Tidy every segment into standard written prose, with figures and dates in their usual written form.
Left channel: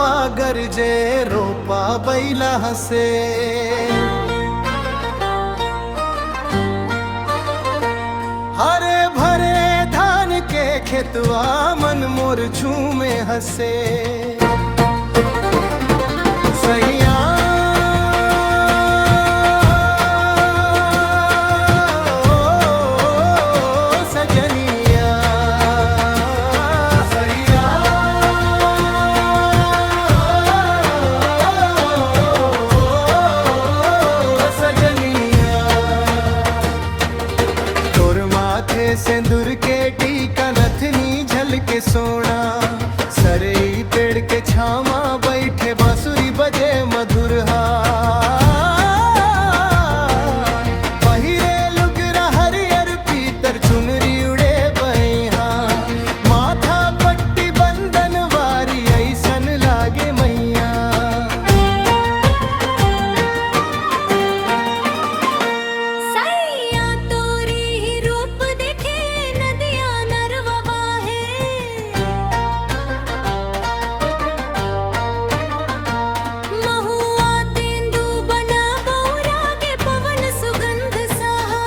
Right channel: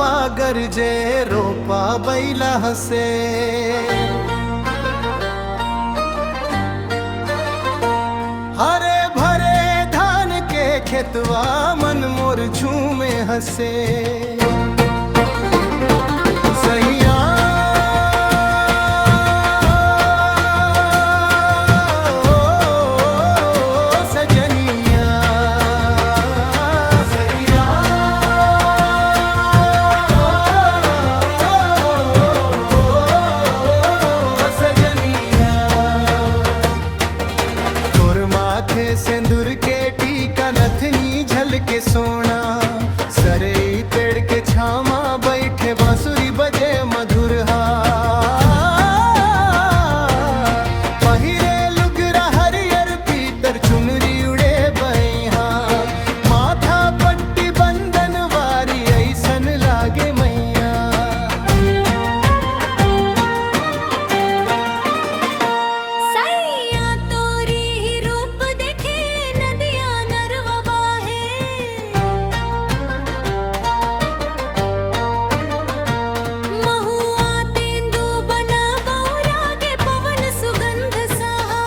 हवा गरजे रोपा बैला हसे। हरे भरे धान के खेतवा मन मोर झूमे हसे। सैया सजनिया सैया सजनिया। तोर माथे सिंदूर के टीका नथनी झलके सोना। सरई पेड़ के छामा बैठे बांसुरी बजे मधुर पहिरे लुगरा हरियर पीतर चुनरी उड़े बैहा। माथा पट्टी बंधन वारी ऐसन लागे मैया। सैया तोरी ही रूप देखे नदिया नरवा बाहे। महुआ तेंदू बना बौरा के पवन सुगंध सहा।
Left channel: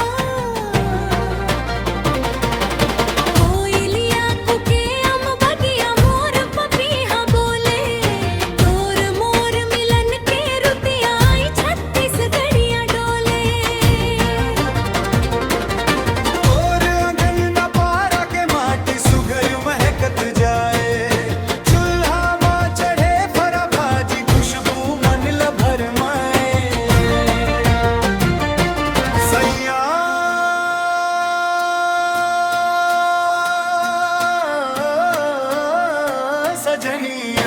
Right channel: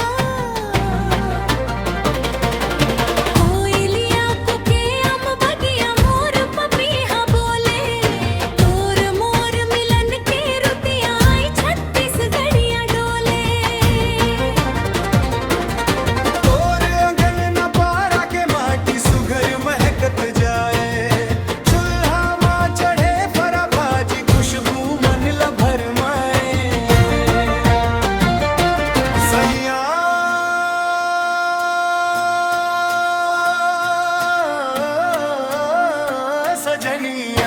कोयलिया कुके अम बगिया मोर पपीहा बोले। तोर मोर मिलन के रुतिया आई छत्तीसगढ़िया डोले। और अंगन न पारा के माटी सुघर महकत जाए। चूल्हा माँ चढ़े फरा भाजी खुशबू मन लभर माए। सैया सजनिया